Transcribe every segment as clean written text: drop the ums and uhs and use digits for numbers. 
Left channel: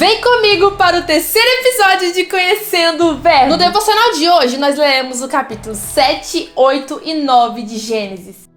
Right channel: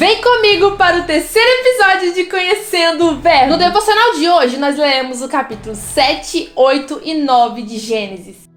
Vem comigo para o terceiro episódio de Conhecendo o Verbo. No devocional de hoje, nós leremos o capítulo 7, 8 e 9 de Gênesis.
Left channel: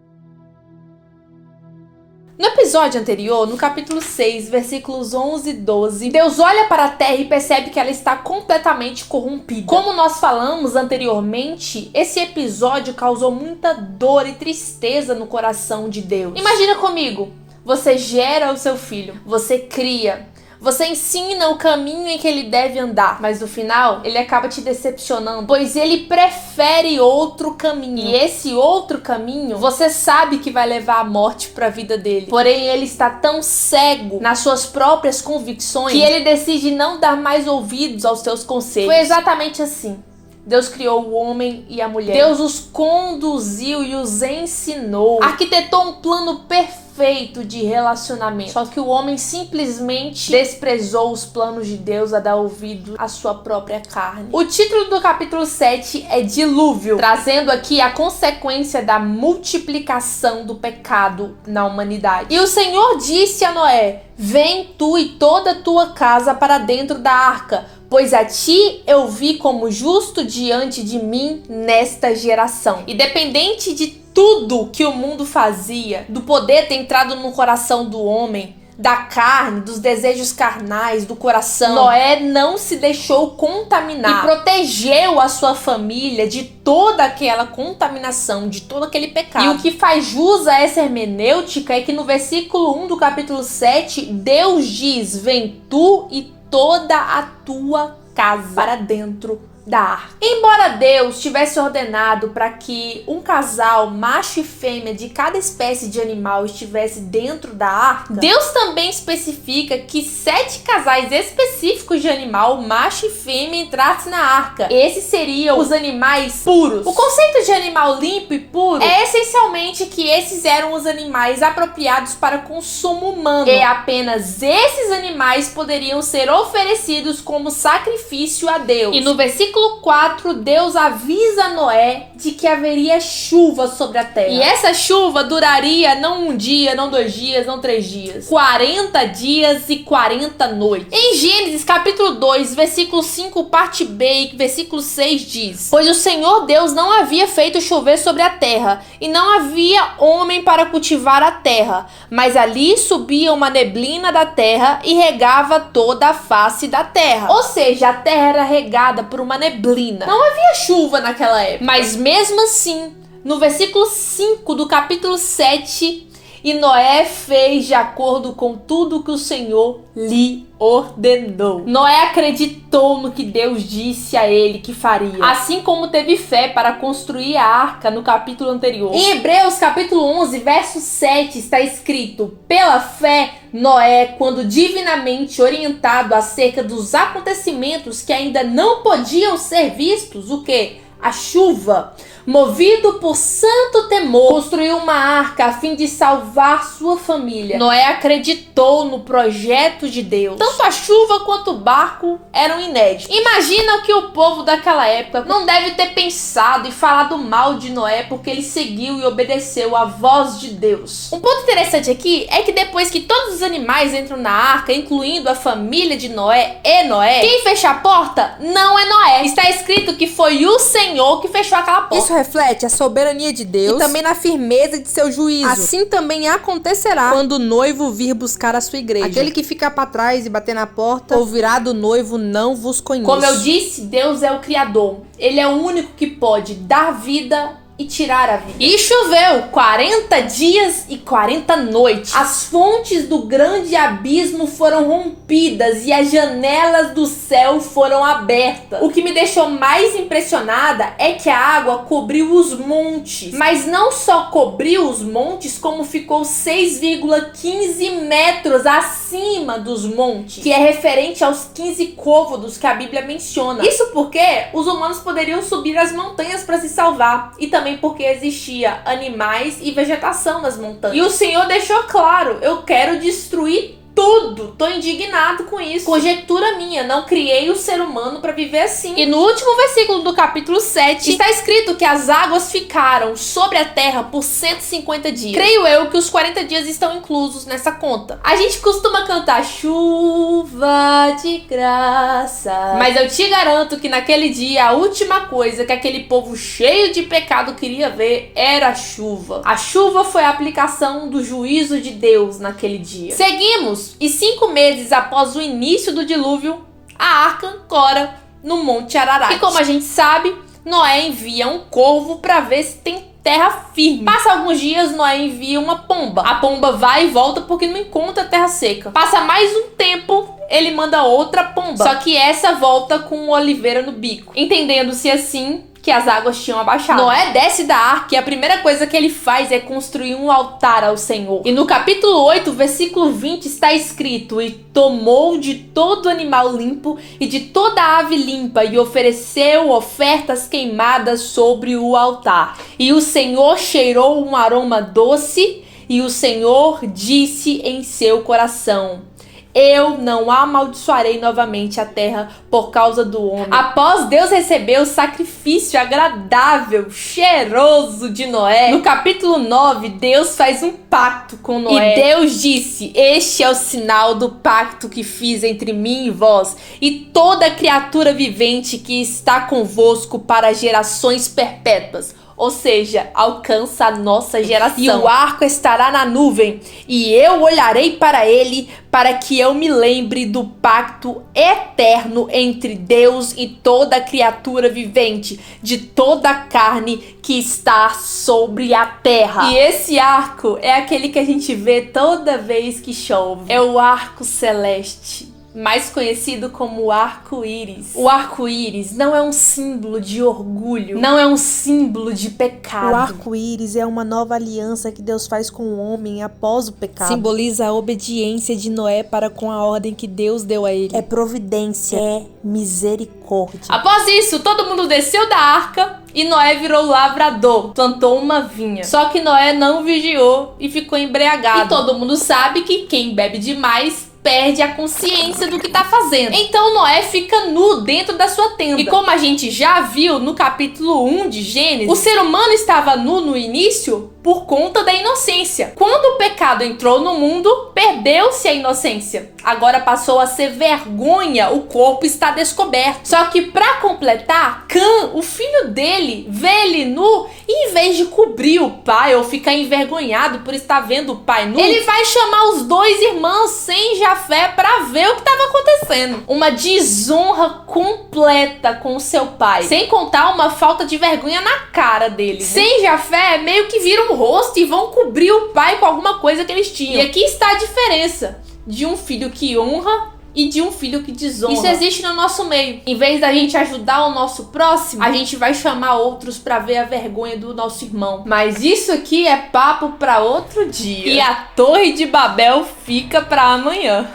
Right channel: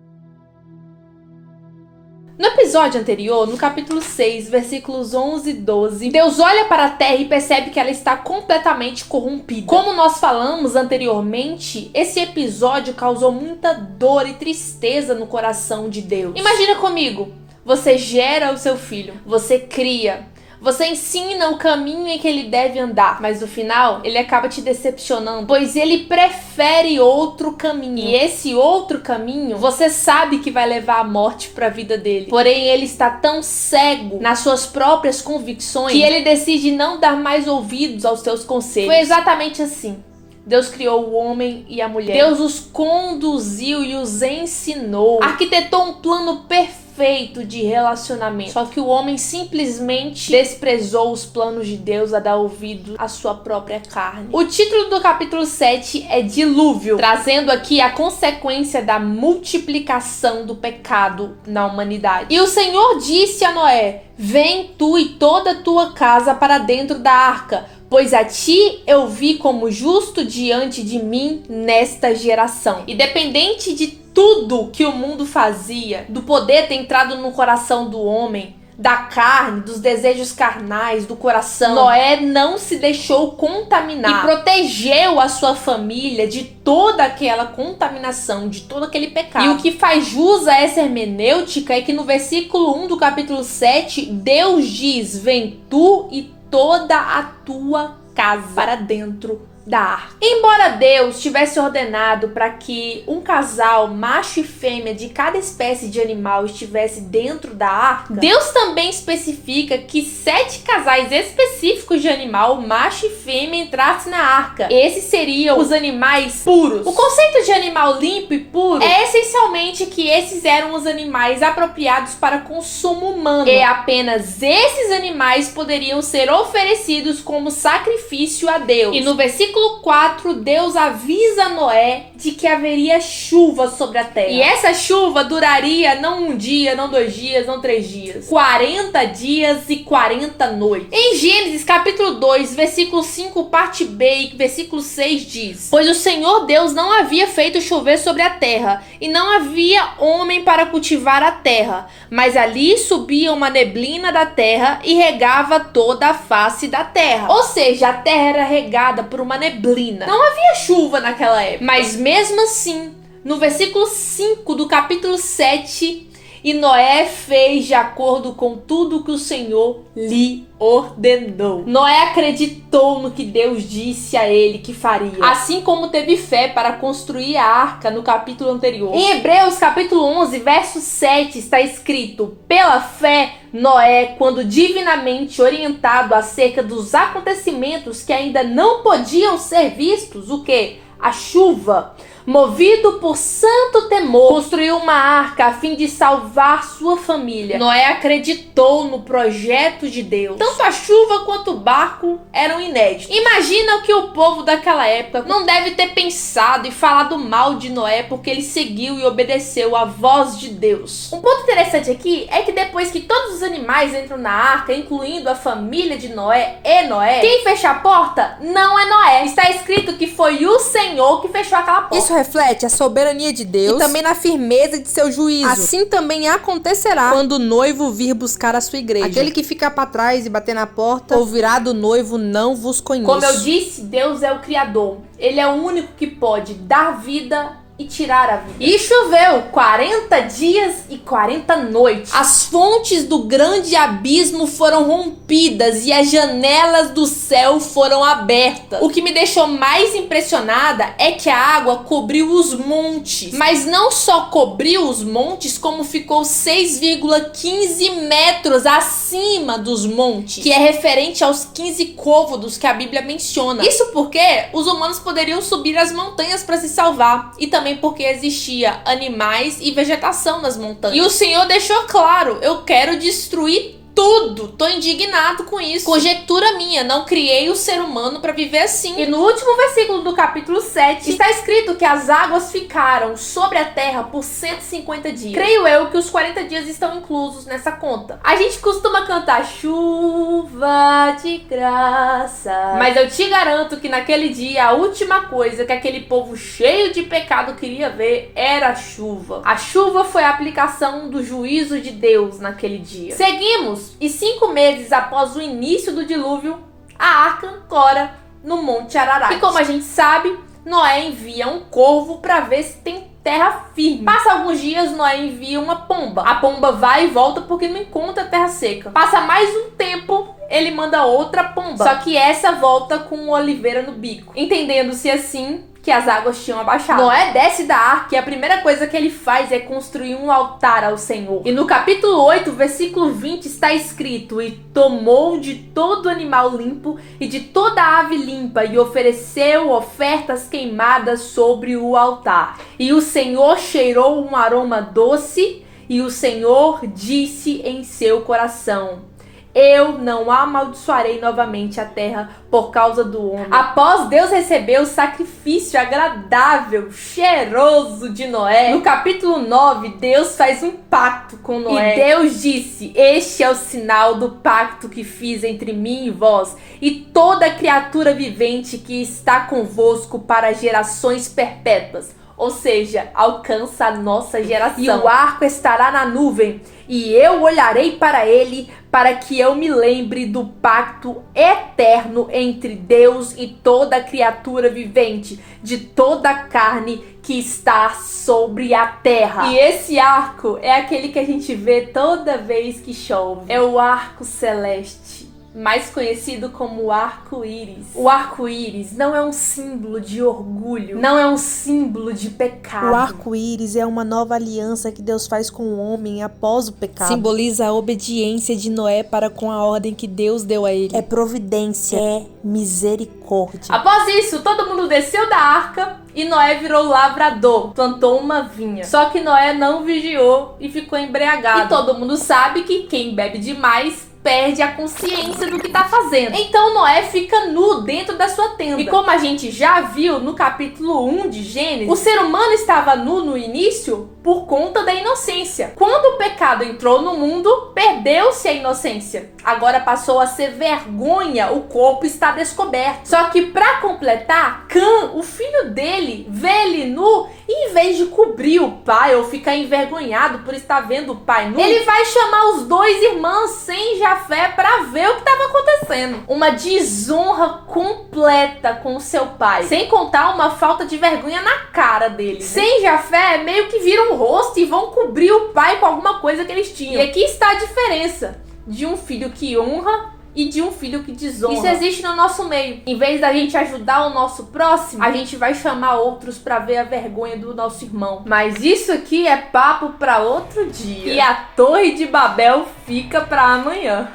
No episódio anterior, no capítulo 6, versículos 11 e 12, Deus olha para a terra e percebe que ela está completamente corrompida. Como nós falamos anteriormente, esse episódio causou muita dor e tristeza no coração de Deus. Imagina comigo, você gera o seu filho, você cria, você ensina o caminho em que ele deve andar, mas no final ele acaba te decepcionando, pois ele prefere outro caminho. E esse outro caminho, você sabe que vai levar à morte para a vida dele. Porém, ele está tão cego nas suas próprias convicções que ele decide não dar mais ouvidos aos seus conselhos. Foi exatamente assim. Deus criou o homem e a mulher. Deus os conduziu e os ensinou. Arquitetou um plano perfeito de relacionamento. Só que o homem simplesmente desprezou os planos de Deus a dar ouvido à sua própria carne. O título do capítulo 7 é Dilúvio, trazendo aqui a consequência da multiplicação do pecado na humanidade. E o Senhor disse a Noé: vem tu e toda a tua casa para dentro da arca, pois a ti eu vi como justo diante de mim nesta geração. Independente de tudo que o mundo fazia, do poder ter entrado no coração do homem, da carne, dos desejos carnais, do coração, Noé não se deixou contaminar e protegeu a sua família de toda aquela contaminação, de todo aquele pecado. E o que faz jus a essa hermenêutica é que no versículo 1 do capítulo 7, Deus diz: vem tu e toda a tua casa para dentro da arca. Embora Deus tivesse ordenado para que um casal, macho e fêmea de cada espécie de animal estivesse dentro da arca, Deus também especifica que 7 casais específicos de animal, macho e fêmea, entrassem na arca. Esses seriam os animais puros. O conceito de animal limpo e puro é essencialmente que esses eram os animais apropriados para consumo humano. E apenas esses animais poderiam ser oferecidos como sacrifício a Deus. E no versículo 4, Deus avisa Noé de que haveria chuva sobre a terra. E essa chuva duraria não um dia, não 2 dias, não 3 dias. 40 dias e 40 noites. Em Gênesis capítulo 2, versículo 5, parte B e versículo 6 diz: pois o Senhor Deus não havia feito chover sobre a terra, e não havia homem para cultivar a terra, mas ali subia uma neblina da terra e regava toda a face da terra. Ou seja, a terra era regada por uma neblina. Não havia chuva naquela época. Mas mesmo assim, no versículo 5 do capítulo 7, e Noé fez de acordo com tudo que o Senhor lhe ordenou. Noé acreditou no que Deus disse a ele que faria, assim como teve fé para construir a arca no capítulo anterior. Em Hebreus capítulo 11, verso 7 está escrito: pela fé, Noé, quando divinamente orientado acerca dos acontecimentos que ainda não podiam ser vistos, o quê? A chuva, movido por santo temor, construiu uma arca a fim de salvar sua família. Noé acreditou no projeto de Deus. Tanto a chuva quanto o barco eram inéditos. Imagina que o povo daquela época não deve ter pensado e falado mal de Noé porque ele seguiu e obedeceu a voz de Deus. Um ponto interessante aqui é que depois que todos os animais entram na arca, incluindo a família de Noé e Noé, quem fecha a porta não é Noé. Está escrito que foi o Senhor que fechou aquela porta. Isso reflete a soberania de Deus e também na firmeza de seu juízo. Assim também acontecerá quando o noivo vir buscar a sua igreja. Aquele que ficar para trás e bater na porta ouvirá do noivo: não vos conheço. Como eu disse, Deus é o Criador. Ele é o único que pode dar vida e tirar a vida. E choveu 40 dias e 40 noites. As fontes do grande abismo foram rompidas e as janelas do céu foram abertas. O que me deixou mais impressionada é que a água cobriu os montes. Mas não só cobriu os montes, como ficou 6,15 metros acima dos montes, que é referente aos 15 côvados que a Bíblia menciona. Isso porque os humanos poderiam subir as montanhas para se salvar, e também porque existia animais e vegetação nas montanhas. E o Senhor deixou claro: eu quero destruir tudo. Tô indignado com isso. Conjectura minha, não criei o ser humano pra viver assim. E no último versículo do capítulo 7, está escrito que as águas ficaram sobre a terra por 150 dias. Creio eu que os 40 dias estão inclusos nessa conta. A gente costuma cantar chuva de graça, mas eu te garanto que naquele dia a última coisa que aquele povo cheio de pecado queria ver era a chuva. A chuva foi a aplicação do juízo de Deus naquele dia. Seguimos. E 5 meses após o início do dilúvio, a arca ancora no Monte Ararat. E como a gente sabe, Noé envia um corvo para ver se tem terra firme. Passa alguns dias, Noé envia uma pomba. A pomba vai e volta porque não encontra terra seca. Passa mais um tempo, ele manda outra pomba. Só que essa volta com oliveira no bico. Entendendo-se assim que as águas tinham abaixado. Noé desce da arca e a primeira coisa que ele faz é construir um altar ao Senhor. E no capítulo 8, versículo 20, está escrito: e tomou de todo animal limpo e de toda ave limpa e ofereceu ofertas queimadas sobre o altar. E o Senhor cheirou um aroma doce e o Senhor disse em seu coração: eu não amaldiçoarei novamente a terra por causa do homem. Após Deus receber o sacrifício agradável, cheiroso de Noé, no capítulo 9, Deus faz um pacto com Noé. E Deus disse: este é o sinal do pacto que fiz entre mim e vós, e toda criatura vivente que está convosco para gerações perpétuas. Ou seja, alcança a nossa geração. E o arco estará na nuvem, e eu olharei para ele, para que eu me lembre do pacto eterno entre Deus e toda criatura vivente, de toda a carne que está sobre a terra. E esse arco é aquele que a gente vê toda vez que chove. É o arco celeste, mais conhecido como arco-íris. O arco-íris não é um símbolo de orgulho, não é um símbolo de pecado. O arco-íris é uma nova aliança que Deus faz com o homem após o pecado. Simboliza a obediência de Noé para com a ordem que Deus deu a ele. É providência, é misericórdia. Após isso, todo mundo desceu da arca e Noé virou lavrador, plantou uma vinha. Só que Noé não vigiou e ficou embriagado. E todo mundo sabe que quem bebe demais perde a consciência do que tá fazendo. Então Noé fica nu dentro da sua tenda. E como a gente já viu no capítulo 1 de Gênesis, o ser humano estava nu no início por conta da inocência. Quando o pecado entrou no mundo, perdeu-se a inocência. Agora passou a ser vergonha, o corpo está descoberto. Só que pra completar, Cã, o filho dele, vê ele nu e em vez de cobrir o pai ou ficar envergonhado por estar vendo o pai nu, ele vai chamar os dois irmãos sem Jafé pra ver o que estava acontecendo. Uma desonra completa com o seu pai, sem contar uma falta de vergonha na cara dele. Sem Jafé, meio que viram o rosto e vão cobrir o pai com alguma coisa que eles tinham. E aqui está a diferença de um filho que honra e de um filho que desonra. Isso existe no nosso meio. Em vez da gente ajudar o nosso próximo, a gente vai chamar outros pra ver a vergonha do nosso irmão. Mas isso aqui é papo pra outro dia. E a Torre de Babel fica pra amanhã.